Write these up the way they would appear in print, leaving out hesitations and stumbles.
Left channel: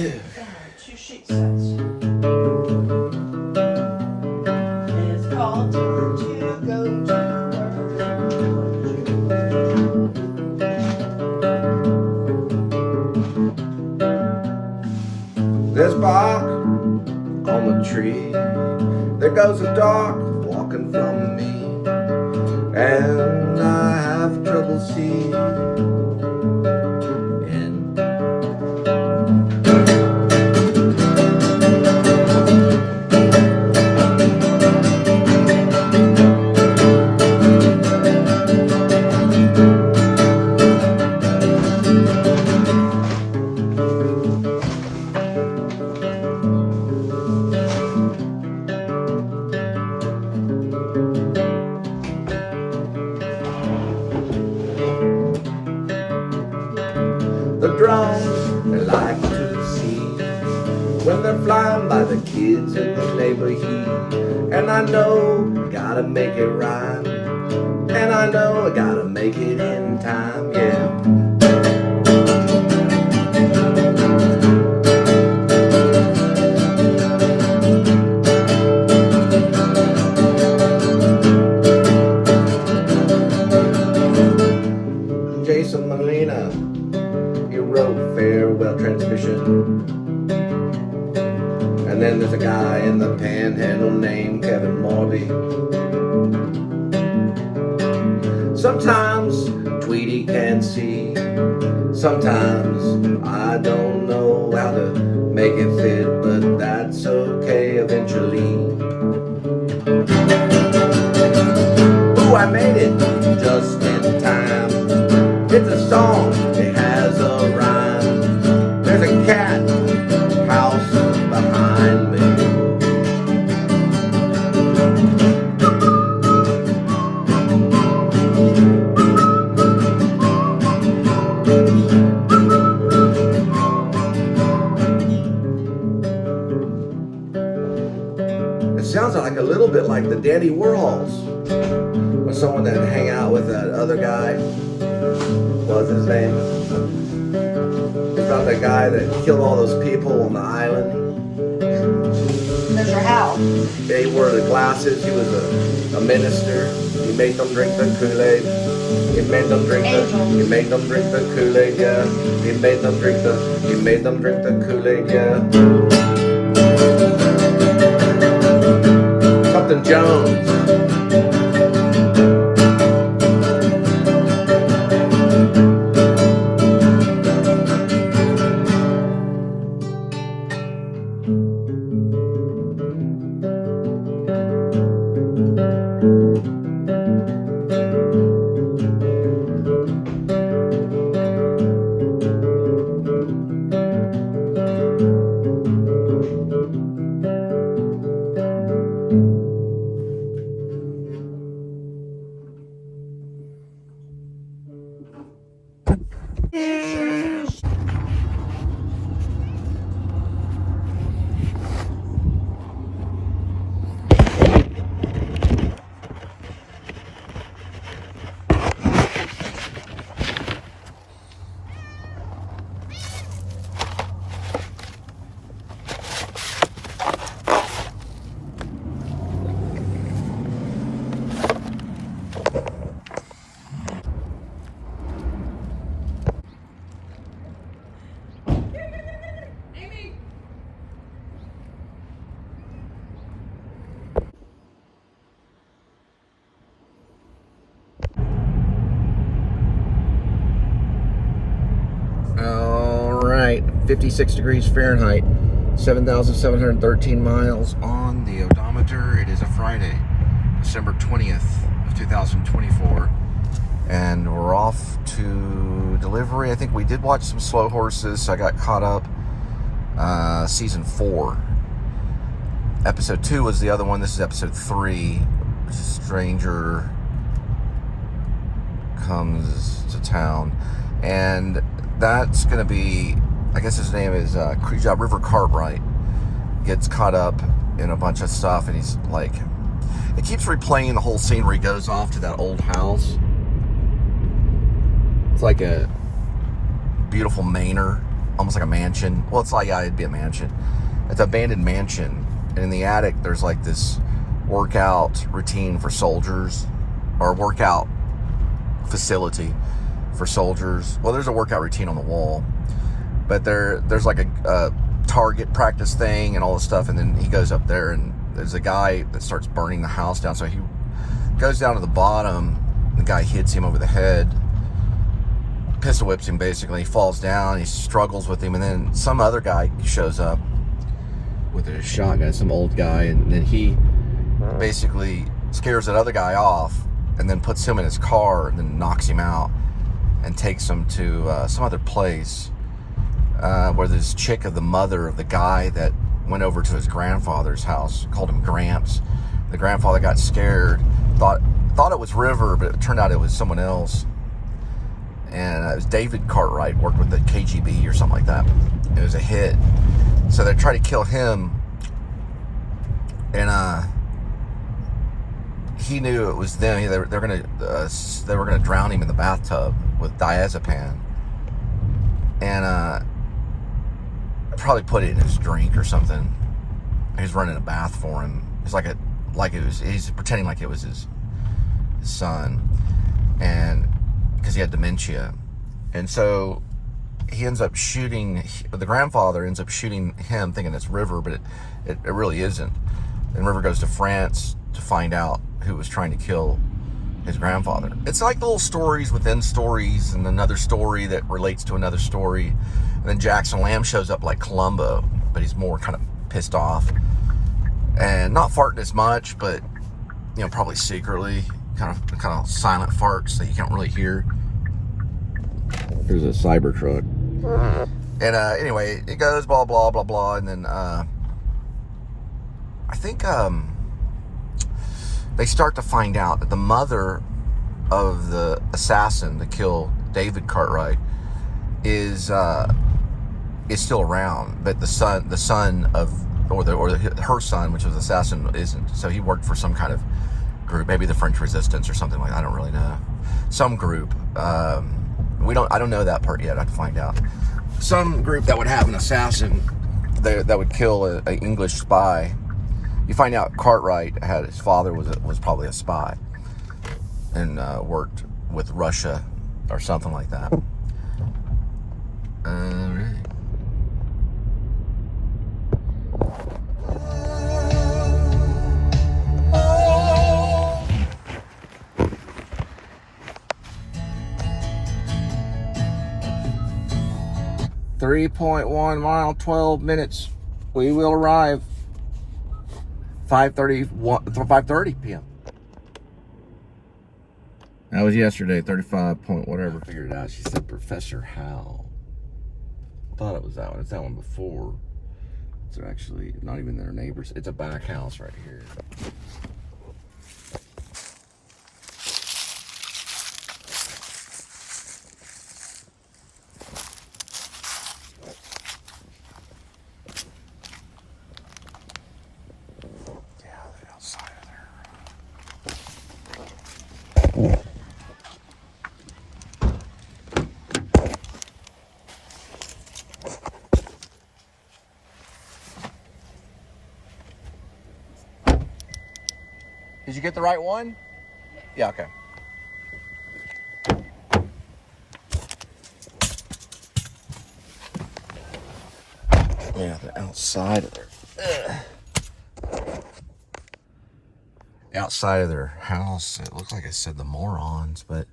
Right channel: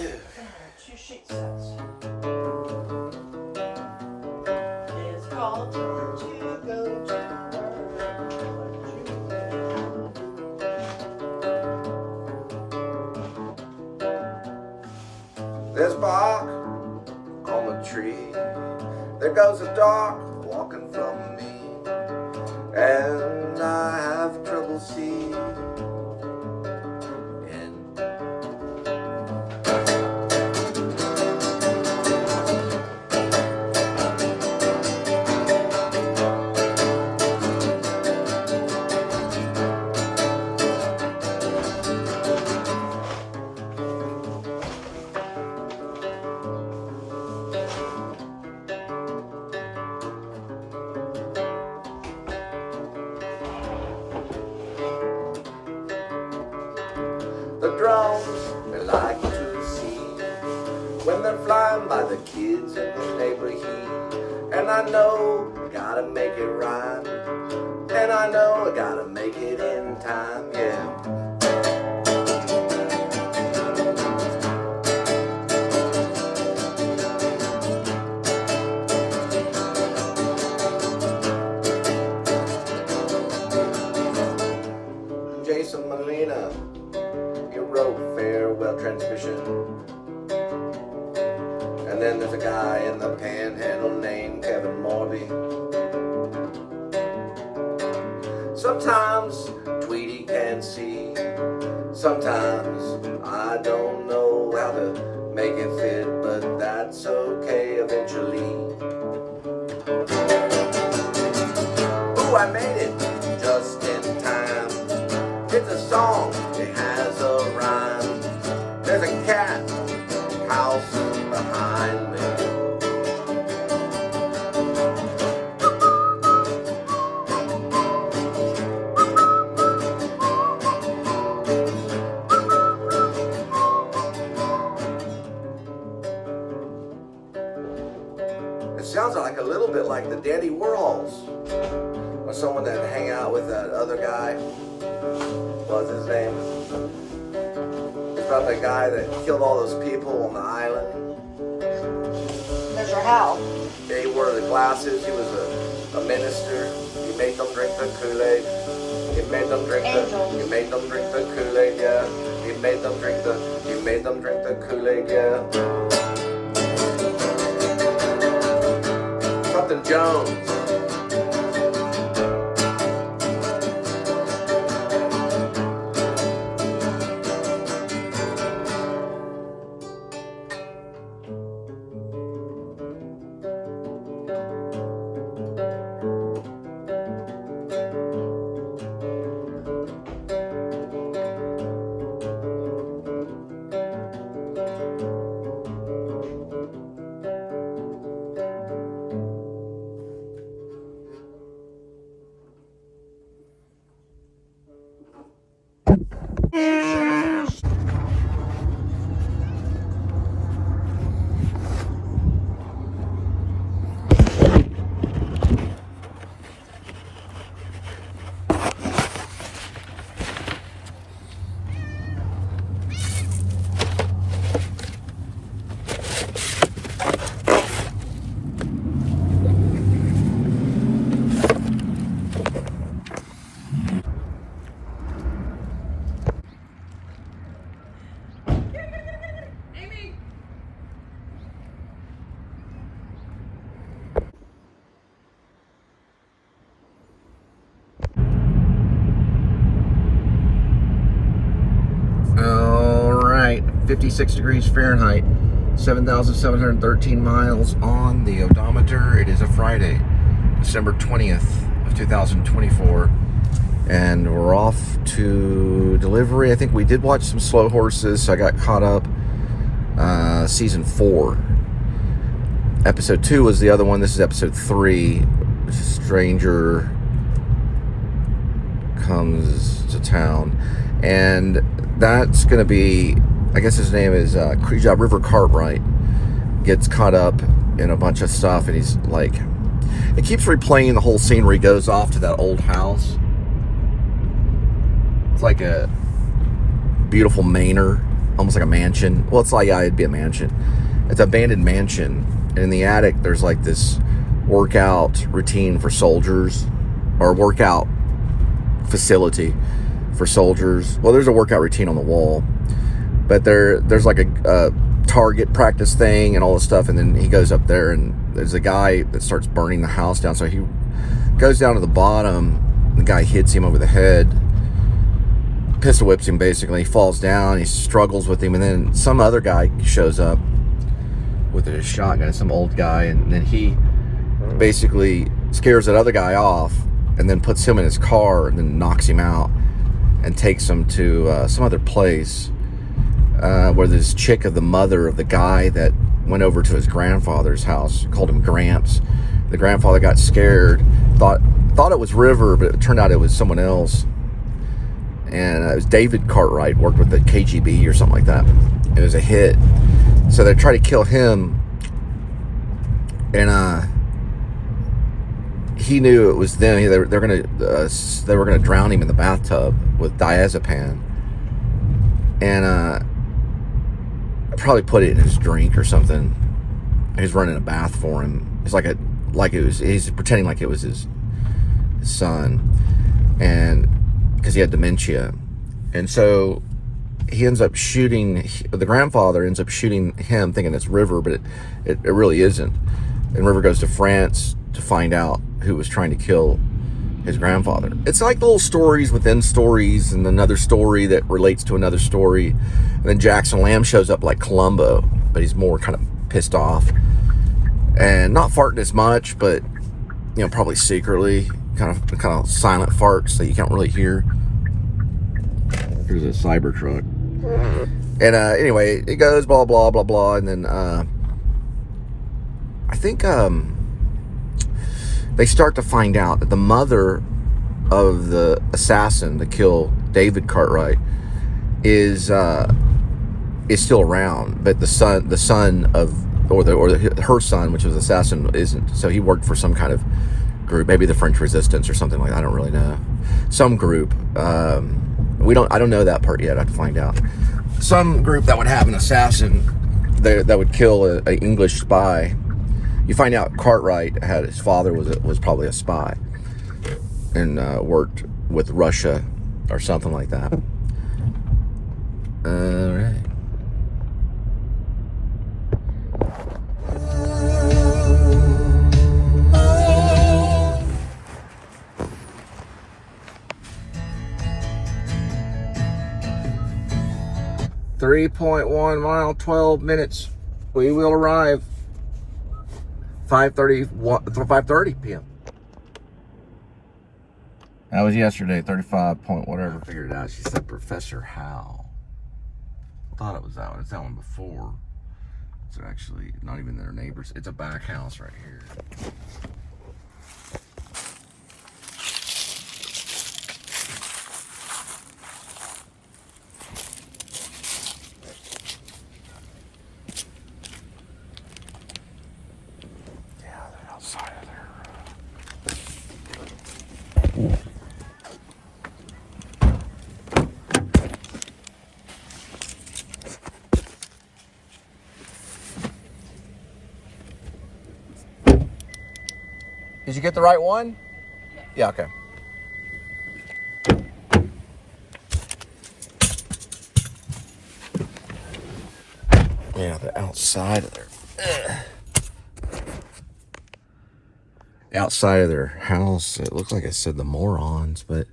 Two sheet sets. It's called to go to work. There's bark on the tree. There goes a dog walking from me, and I have trouble seeing. The drones they like to see when they're flying by the kids in the neighborhood. And I know gotta make it rhyme, and I know I gotta make it in time, yeah. Jason Molina, he wrote Farewell Transmission. And then there's a guy in the Panhandle named Kevin Morley. Sometimes Tweety can see, sometimes I don't know how to make it fit, but that's okay eventually. Ooh, I made it just in time. It's a song, it has a rhyme. There's a cat house behind me. It sounds like a little bit like the Daddy Warhols, or someone that hang out with that other guy. What's his name? It's about the guy that killed all those people on the island. Mr. Hal. He wore the glasses. He was a minister. He made them drink the Kool Aid. He made them drink the. He made them drink the Kool Aid. Yeah. He made them drink the. He made them drink the Kool Aid. Yeah. Something Jones. All right, 56 degrees Fahrenheit, 7,713 miles on the odometer. It is a Friday, December 20th of 2024, and we're off to delivery. I think we did watch some Slow Horses, so I got caught up. Season 4. Episode 2 was the other one. This is episode 3. Stranger comes to town, and that's going to be, I guess his name is River Cartwright, gets caught up in a bunch of stuff, and he's like, it keeps replaying the whole scene where he goes off to that old house. It's like a beautiful manor almost like a mansion. Well, it's like, yeah, it'd be a mansion. It's an abandoned mansion. And in the attic, there's like this workout routine for soldiers, or workout facility for soldiers. Well, there's a workout routine on the wall, but there's like a target practice thing and all this stuff. And then he goes up there, and there's a guy that starts burning the house down. So he goes down to the bottom. The guy hits him over the head, pistol whips him basically. He falls down. He struggles with him, and then some other guy shows up with a shotgun, some old guy, and then he basically scares that other guy off, and then puts him in his car, and then knocks him out, and takes him to some other place where this chick of the mother of the guy that went over to his grandfather's house, called him Gramps. The grandfather got scared, thought it was River, but it turned out it was someone else. And it was David Cartwright, worked with the KGB or something like that. It was a hit. So they tried to kill him, and he knew it was them. They were gonna drown him in the bathtub with diazepam, and probably put it in his drink or something. He was running a bath for him. It's he's pretending like it was his son, and because he had dementia, and so he ends up shooting. The grandfather ends up shooting him, thinking it's River, but it really isn't. And River goes to France to find out who was trying to kill his grandfather. It's like little stories within stories, and another story that relates to another story. And then Jackson Lamb shows up like Columbo, but he's more kind of pissed off and not farting as much, but probably secretly, kind of silent farts that you can't really hear. There's a Cybertruck. And anyway, it goes blah blah blah blah, and then I think they start to find out that the mother of the assassin to kill David Cartwright is still around, but her son, which was the assassin, isn't. So he worked for some kind of group, maybe the French Resistance or something like that. I don't really know. Some group. I don't know that part yet. I have to find out. Some group that would have an assassin that would kill an English spy. You find out Cartwright his father was probably a spy and worked with Russia or something like that. All right. .1 mile, 12 minutes. We will arrive 5:30 p.m. That was yesterday, 35 point whatever. Figured it out. She said Professor Hal. I thought it was that one. It's that one before. It's actually not even their neighbors. It's a back house right here. Did you get the right one? Yeah, okay. Yeah, the outside. The outside of their house, it looked like it said the Morons, but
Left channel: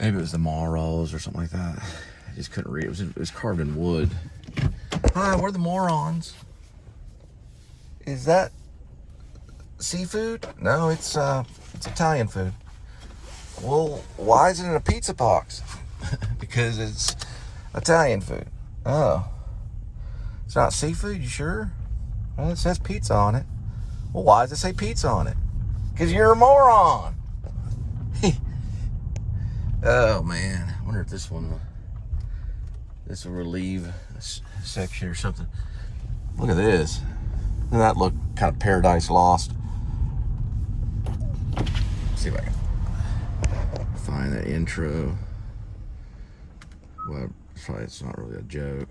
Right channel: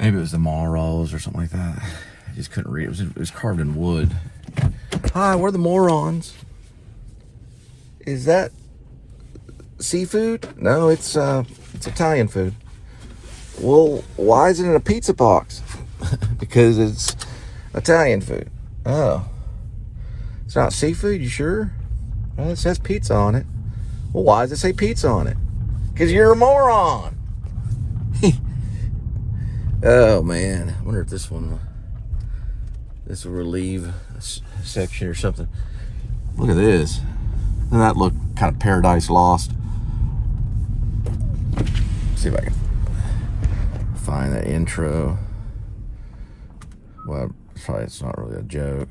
maybe it was the Morals or something like that. I just couldn't read. It was carved in wood. Hi, we're the Morons. Is that seafood? No, it's Italian food. Well, why is it in a pizza box? Because it's Italian food. Oh. It's not seafood, you sure? Well, it says pizza on it. Well, why does it say pizza on it? Because you're a moron. Oh, man. I wonder if this will relieve a section or something. Look at this. Doesn't that look kind of Paradise Lost? See if I can find that intro. Well, probably, it's not really a joke.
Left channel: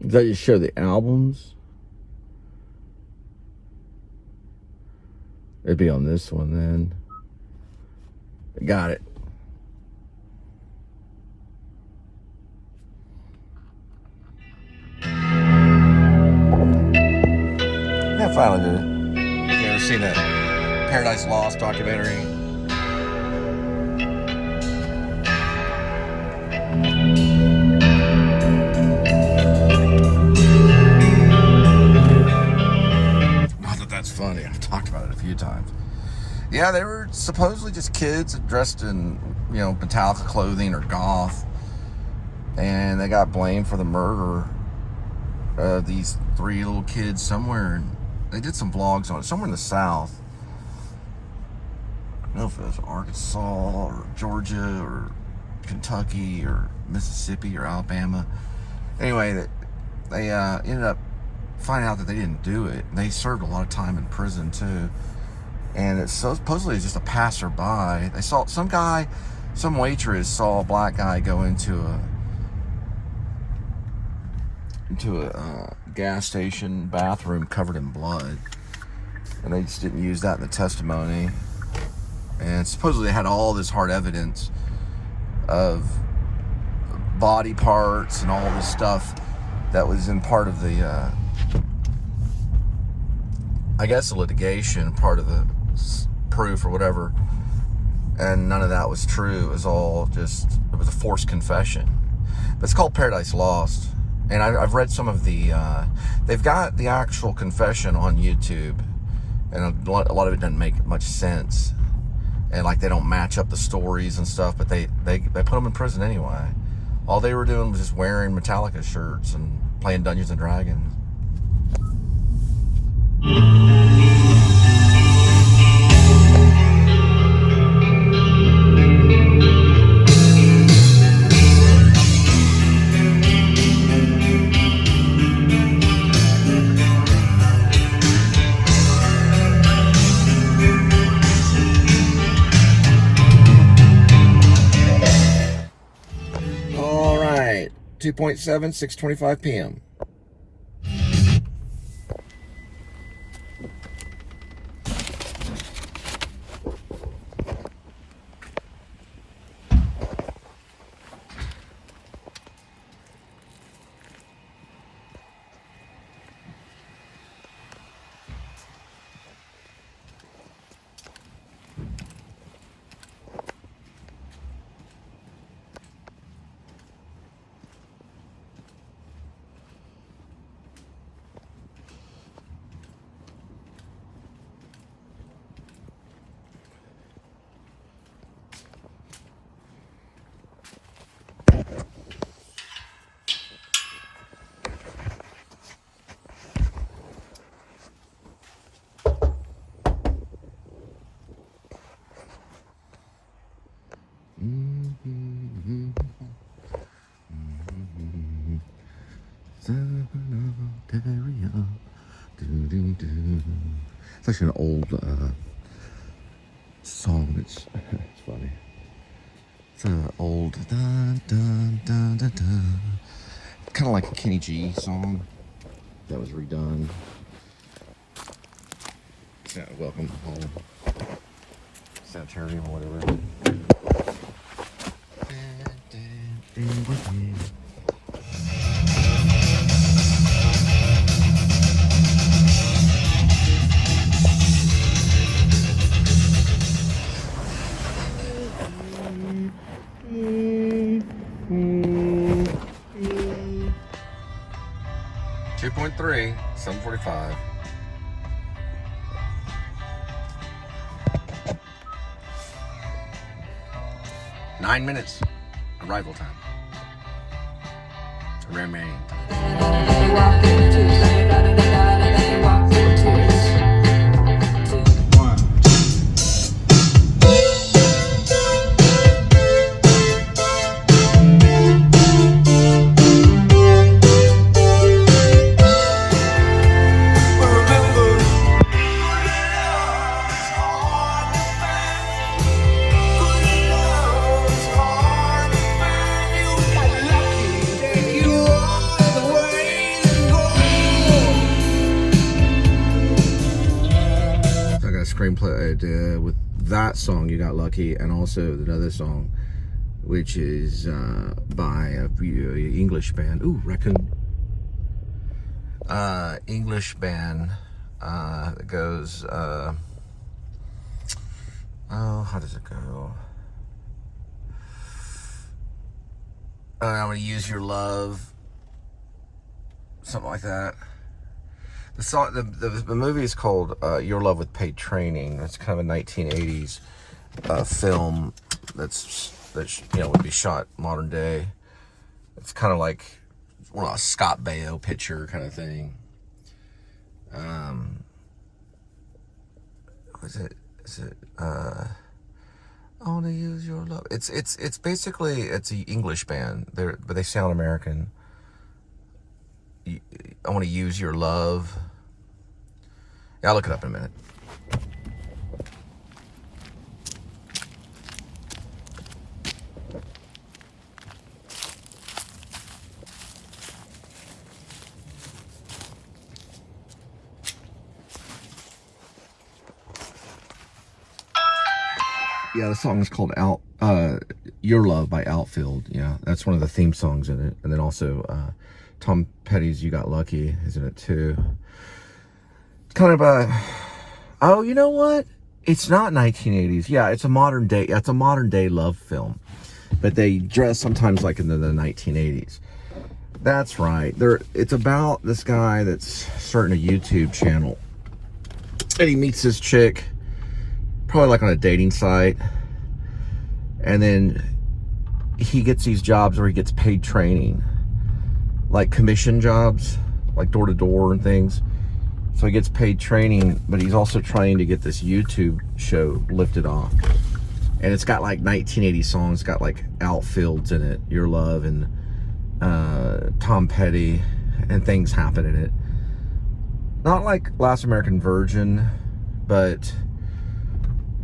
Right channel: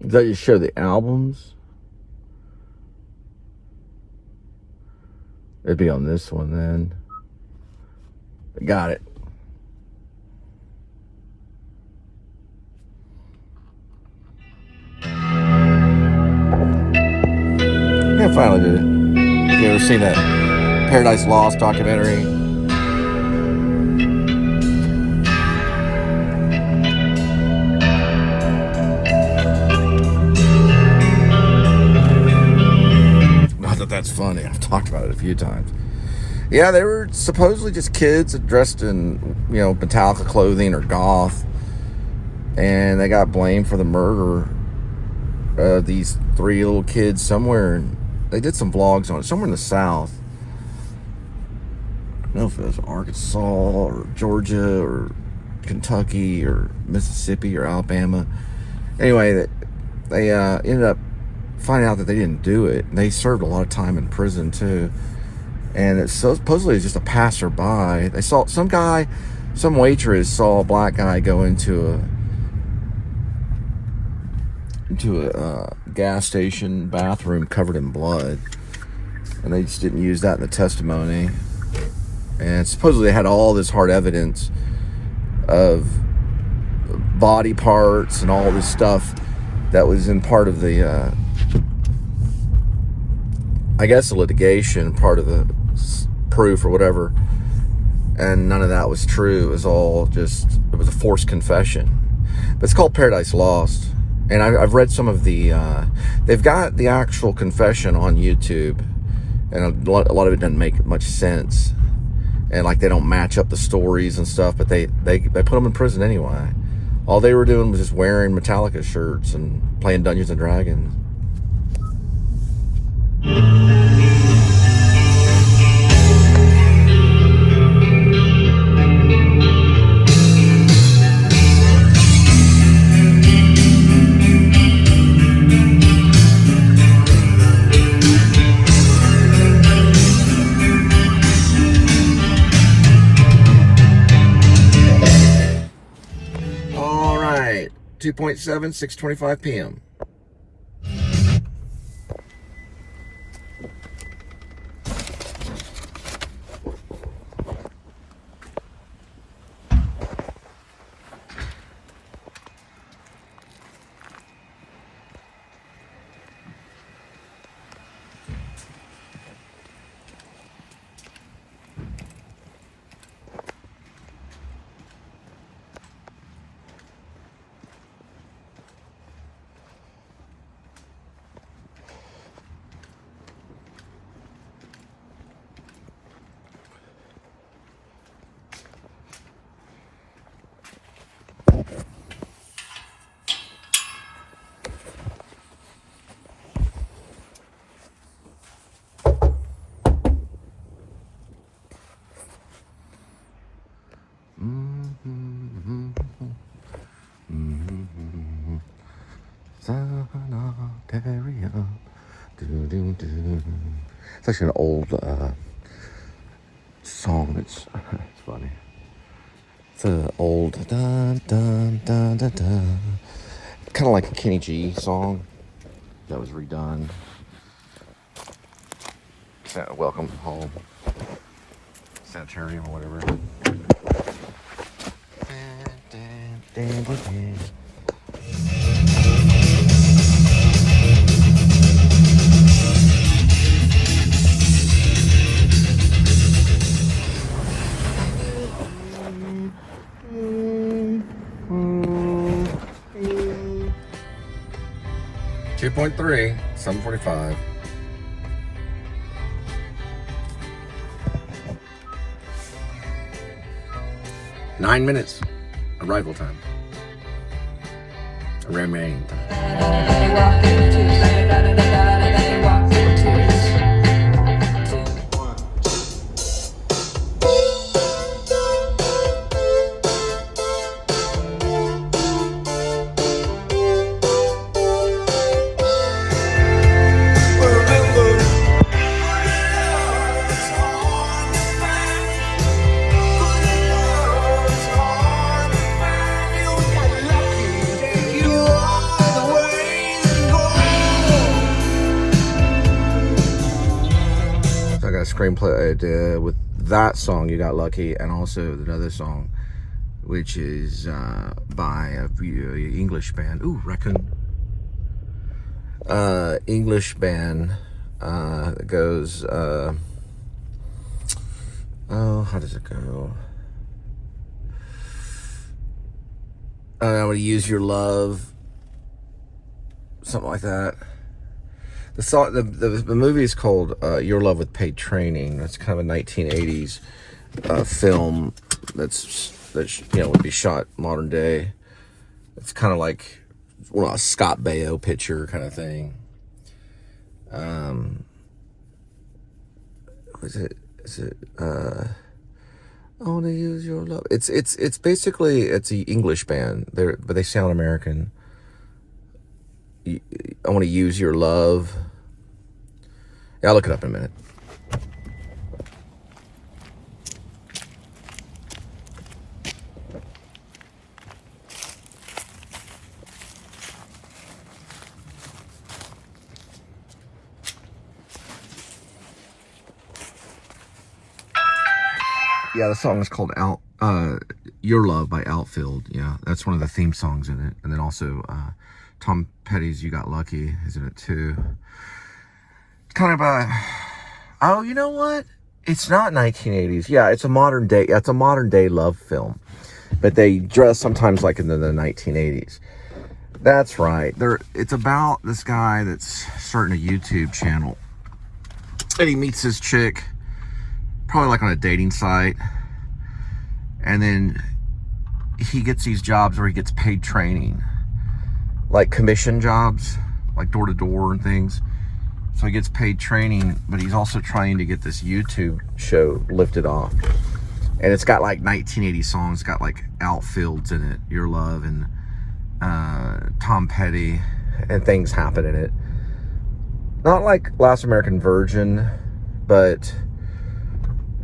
Does that just show the albums? It'd be on this one then. Got it. Yeah, finally did it. You ever seen that Paradise Lost documentary? Not that that's funny. I've talked about it a few times. Yeah, they were supposedly just kids dressed in, you know, Metallica clothing or goth. And they got blamed for the murder of these 3 little kids somewhere. And they did some vlogs on it, somewhere in the South. I don't know if it was Arkansas or Georgia or Kentucky or Mississippi or Alabama. Anyway, they ended up finding out that they didn't do it. And they served a lot of time in prison too. And it's supposedly it's just a passerby. They saw some waitress saw a black guy go into a gas station bathroom covered in blood, and they just didn't use that in the testimony. And supposedly they had all this hard evidence of body parts and all this stuff that was in part of the I guess the litigation, part of the proof or whatever, and none of that was true. It was all just, it was a forced confession. But it's called Paradise Lost. And I've read some of the, they've got the actual confession on YouTube, and a lot of it doesn't make much sense. And like they don't match up the stories and stuff, but they put them in prison anyway. All they were doing was just wearing Metallica shirts and playing Dungeons and Dragons. All right, 2.7, 6:25 p.m. It's actually an old song. It's funny. It's an old dun dun dun dun dun. Kind of like a Kenny G song that was redone. Welcome home. Century or whatever. .3, 7:45. Nine minutes arrival time. Remain. 'cause I got a screenplay idea with that song, You Got Lucky, and also another song, which is by a English band. Ooh, raccoon. English band that goes, oh, how does it go? I want to use your love, something like that. The song, the movie is called Yer Love with Paid Training. It's kind of a 1980s film that would be shot modern day. It's kind of like a Scott Baio picture kind of thing. Is it I want to use your love. It's basically, it's an English band. But they sound American. I want to use your love. Yeah, I'll look it up in a minute. Yeah, the song is called Yer Love by Outfield. Yeah, that's one of the theme songs in it. And then also Tom Petty's You Got Lucky is in it too. It's kind of oh, you know what? It's not 1980s. Yeah, it's a modern day. It's a modern day love film, but they dress sometimes like in the 1980s. That's right. It's about this guy that's starting a YouTube channel, and he meets this chick, probably like on a dating site, and then he gets these jobs where he gets paid training, like commission jobs, like door to door and things. So he gets paid training, but he's also trying to get this YouTube show lifted off. And it's got like 1980 songs. It's got like Outfields in it, Yer Love, and Tom Petty, and things happen in it. Not like Last American Virgin, but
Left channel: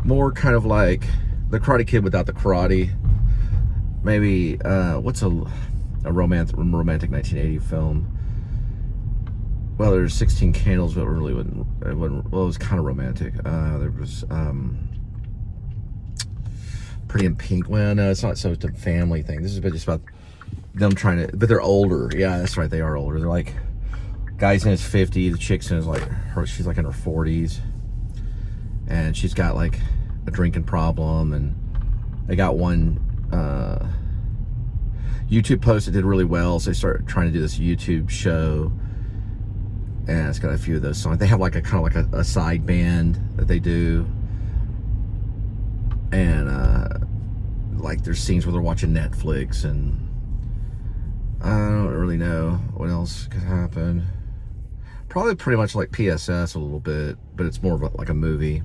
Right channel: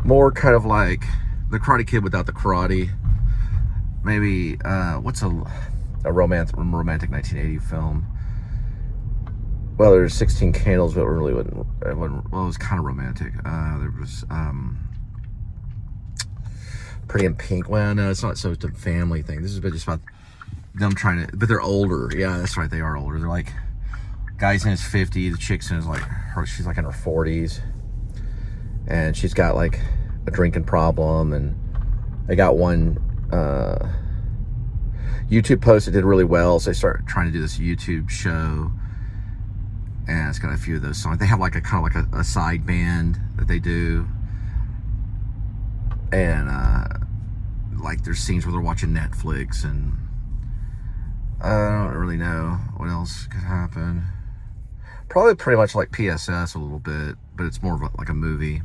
more kind of like The Karate Kid without the karate. Maybe what's a romantic 1980 film? Well, there's 16 Candles, but it really wasn't. Well, it was kind of romantic. There was Pretty in Pink. Well, no, it's not so much a family thing. This is just about them trying to, but they're older. Yeah, that's right. They are older. They're like, guy's in his 50s, the chick's in his she's like in her 40s, and she's got like a drinking problem, and they got one YouTube post that did really well, so they started trying to do this YouTube show, and it's got a few of those songs. They have like a kind of like a side band that they do, and like there's scenes where they're watching Netflix, and I don't really know what else could happen. Probably pretty much like p.s.s. a little bit, but it's more of like a movie.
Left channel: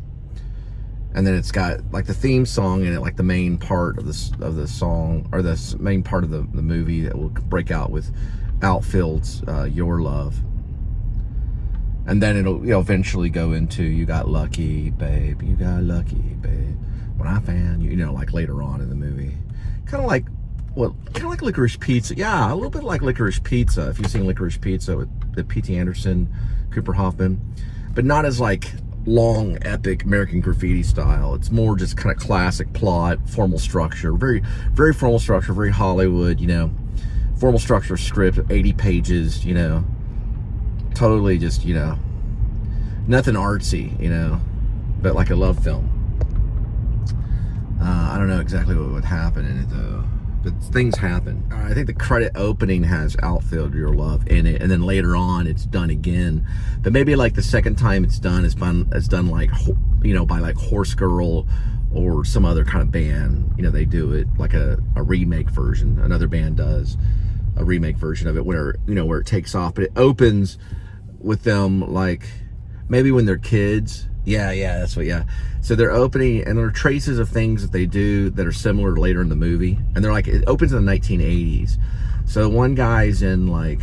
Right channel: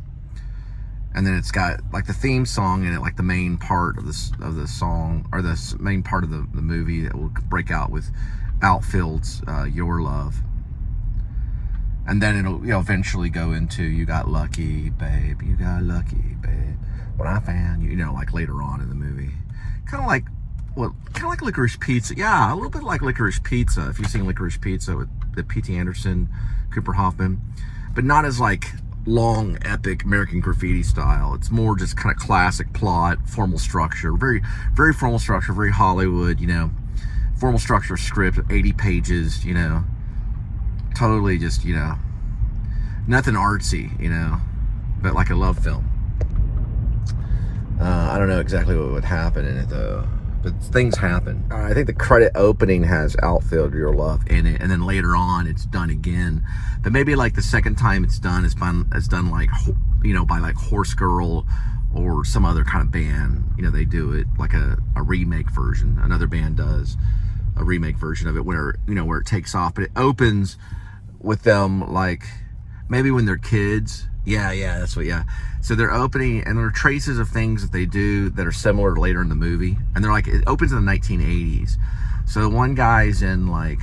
And then it's got like the theme song in it, like the main part of the song, or the main part of the movie that will break out with Outfield's Your Love. And then it'll, you know, eventually go into You Got Lucky, Babe, You Got Lucky, Babe, What I Found, you know, like later on in the movie. Kind of like, well, kind of like Licorice Pizza. Yeah, a little bit like Licorice Pizza, if you've seen Licorice Pizza with the P.T. Anderson, Cooper Hoffman. But not as like long, epic American Graffiti style. It's more just kind of classic plot, formal structure, very, very formal structure, very Hollywood, you know, formal structure script, 80 pages, you know, totally just, you know, nothing artsy, you know, but like a love film. I don't know exactly what would happen in it though, but things happen. I think the credit opening has Outfield Your Love in it, and then later on it's done again. But maybe like the second time it's done like, you know, by like Horse Girl or some other kind of band. You know, they do it like a remake version. Another band does a remake version of it where, you know, where it takes off. But it opens with them like maybe when they're kids. Yeah, that's what, yeah. So they're opening, and there are traces of things that they do that are similar later in the movie. And they're like, it opens in the 1980s. So one guy's in like,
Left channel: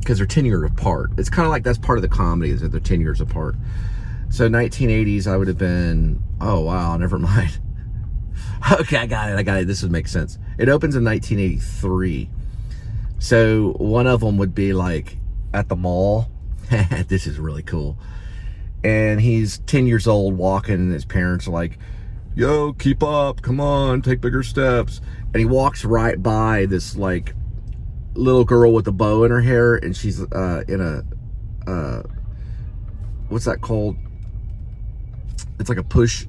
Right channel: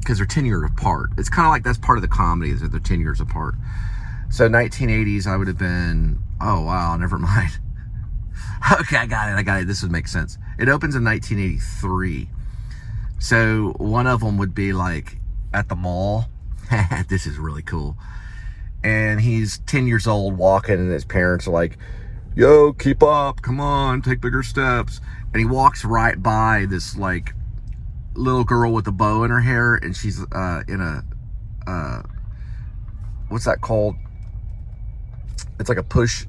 because they're 10 years apart. It's kind of like that's part of the comedy is that they're 10 years apart. So 1980s, I would have been, oh wow, never mind. Okay, I got it. This would make sense. It opens in 1983. So one of them would be like at the mall. This is really cool. And he's 10 years old walking, and his parents are like, yo, keep up, come on, take bigger steps. And he walks right by this like little girl with a bow in her hair, and she's in a, what's that called? It's like a push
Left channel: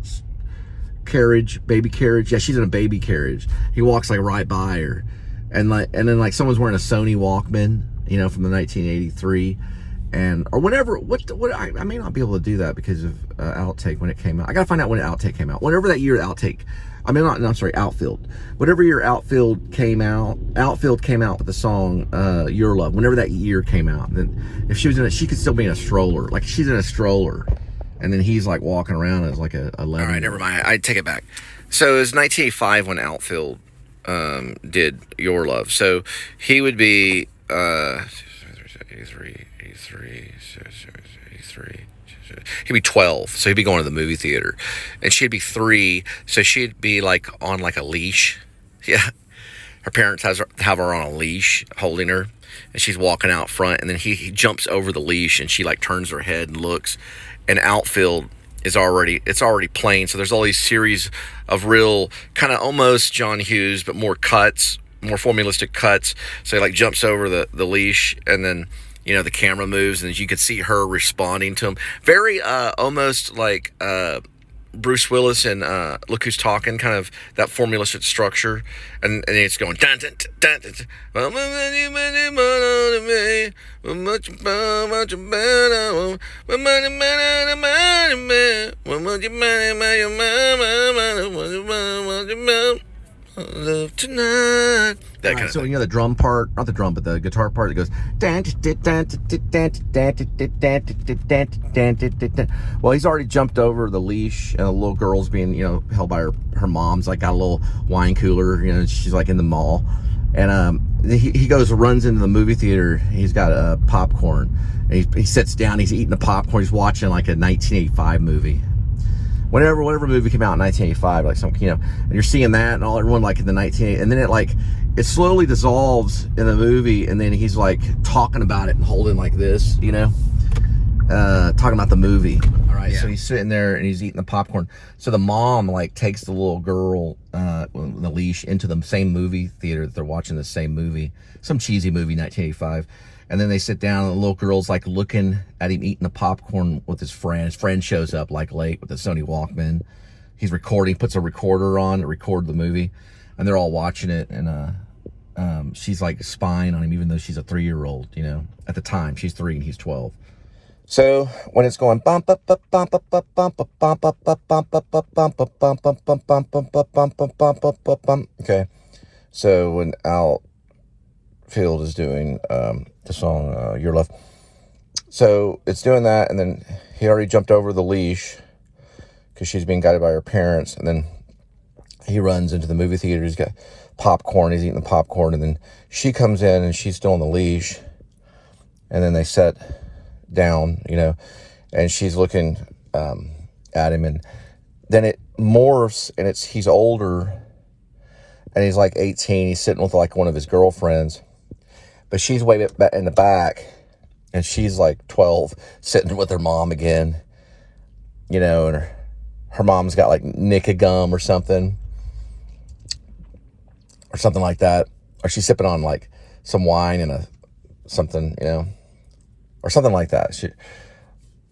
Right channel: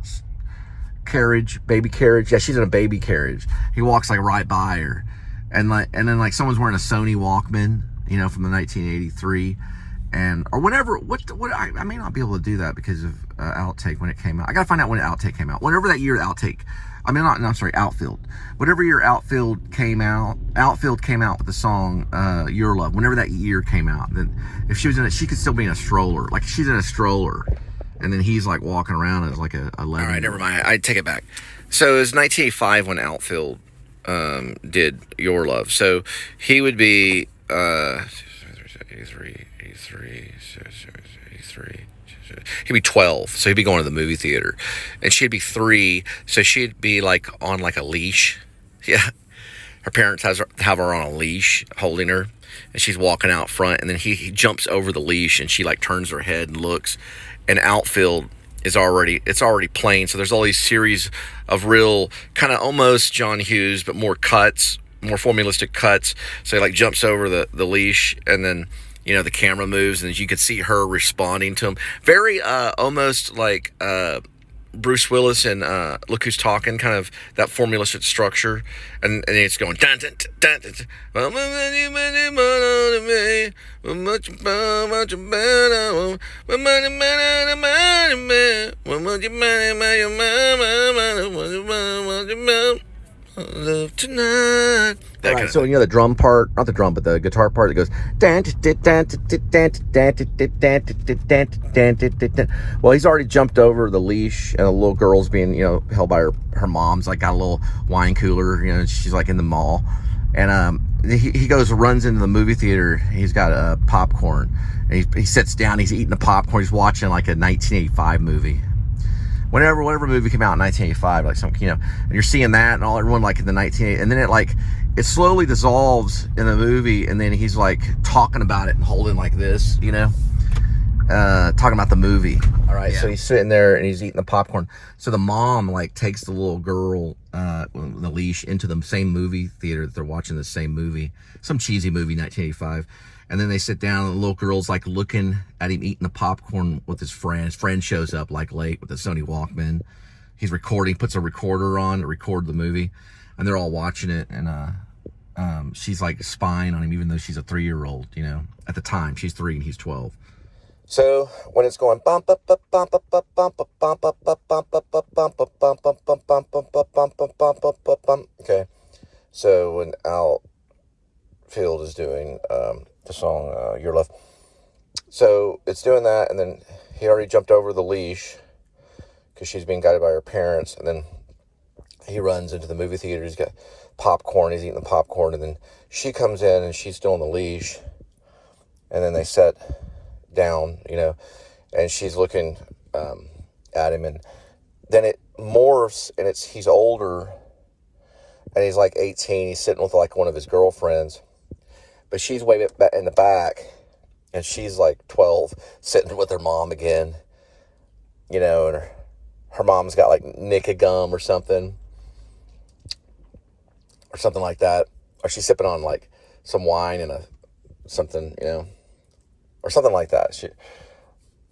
carriage, baby carriage. Yeah, she's in a baby carriage. He walks like right by her. And then like someone's wearing a Sony Walkman, you know, from the 1983. And or whatever, I may not be able to do that because of Outtake when it came out. I gotta find out when Outtake came out. Whatever that year Outtake, Outfield. Whatever year Outfield came out with the song Yer Love. Whenever that year came out, then if she was in it, she could still be in a stroller. Like she's in a stroller, and then he's like walking around as like a 11. All right, never mind. I take it back. So it was 1985 when Outfield did Yer Love. So he would be 83. He'd be 12, so he'd be going to the movie theater, and she'd be 3, so she'd be like on like a leash. Yeah, her parents have her on a leash, holding her, and she's walking out front, and then he jumps over the leash, and she like turns her head and looks, and Outfield is already playing. So there's all these series of real kind of almost John Hughes, but more cuts, more formalistic cuts. So he like jumps over the leash, and then, you know, the camera moves, and you could see her responding to him. Very almost like Bruce Willis and Look Who's Talking, kind of that formalistic structure. And it's going dun dun dun dun. Love tonight. That kind of so thing. You know the drum part, not the drum, but the guitar part that goes. Well, he's already jumped over the leash, and the little girl's being, you know, held by her mom's like got a little wine cooler. You know, she's like in the mall, and he runs into the movie theater. He's got popcorn, and he sits down. He's eating the popcorn. He's watching like a 1985 movie. Whatever movie came out in 1985, like some, you know, and you're seeing that and all everyone like in the 1980s, and then it slowly dissolves in the movie, and then he's like talking about it and holding like this, you know, talking about the movie. All right, yeah. So he's sitting there and he's eating the popcorn. So the mom like takes the little girl, the leash, into the same movie theater that they're watching the same movie, some cheesy movie, 1985. And then they sit down, and the little girl's like looking at him eating the popcorn with his friend. His friend shows up like late with the Sony Walkman. He's recording, puts a recorder on to record the movie, and they're all watching it. And she's like spying on him, even though she's a 3-year-old. You know, at the time she's 3 and he's 12. So when it's going bump up bump up bump up bump up bump up bump up bump up bump up bump up bump up bump up bump up bump. Okay, so when Outfield is doing the song Yer Love, so it's doing that, and then he already jumped over the leash because she's being guided by her parents, and then he runs into the movie theater. He's got popcorn. He's eating the popcorn, and then she comes in and she's still on the leash. And then they sit down, you know, and she's looking at him, and then it morphs, and he's older, and he's like 18. He's sitting with like one of his girlfriends, but she's way back in the back, and she's like 12, sitting with her mom again, you know, and her mom's got like Nicka gum or something like that, or she's sipping on like some wine and something, you know, or something like that.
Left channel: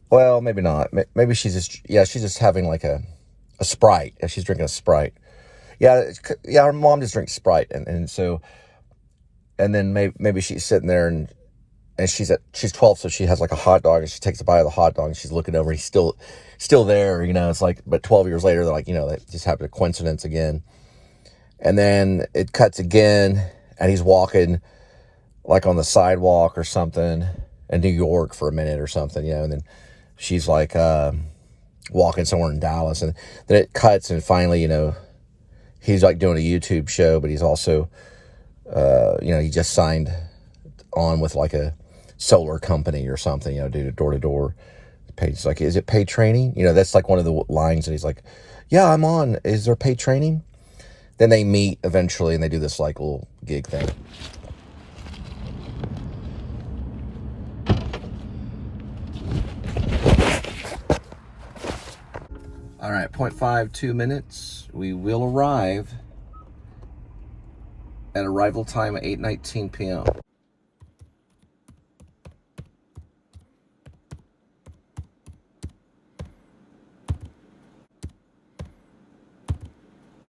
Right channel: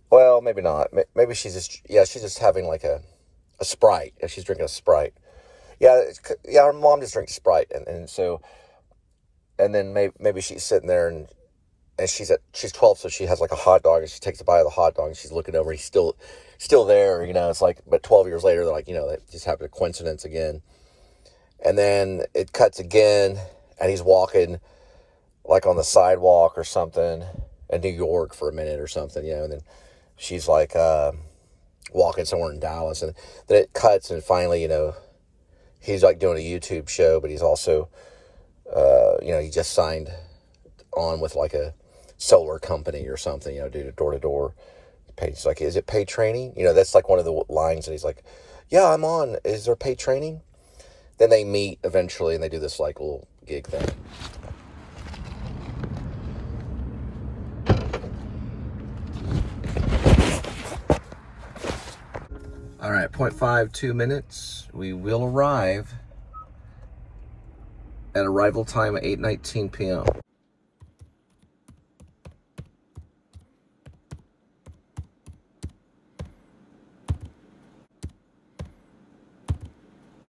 Well, maybe not. Maybe she's just having like a Sprite. Yeah, she's drinking a Sprite. Yeah, her mom just drinks Sprite, and then maybe she's sitting there and she's 12, so she has like a hot dog, and she takes a bite of the hot dog, and she's looking over. He's still there, you know. It's like, but 12 years later, they're like, you know, that just happened, a coincidence again. And then it cuts again, and he's walking like on the sidewalk or something in New York for a minute or something, you know. And then she's like walking somewhere in Dallas, and then it cuts, and finally, you know, he's like doing a YouTube show, but he's also, you know, he just signed on with like a solar company or something, you know, do door-to-door. He's like, is it paid training? You know, that's like one of the lines, and he's like, yeah, I'm on. Is there paid training? Then they meet eventually, and they do this like little gig thing. All right, 0.52 minutes. We will arrive at arrival time at 8:19 p.m.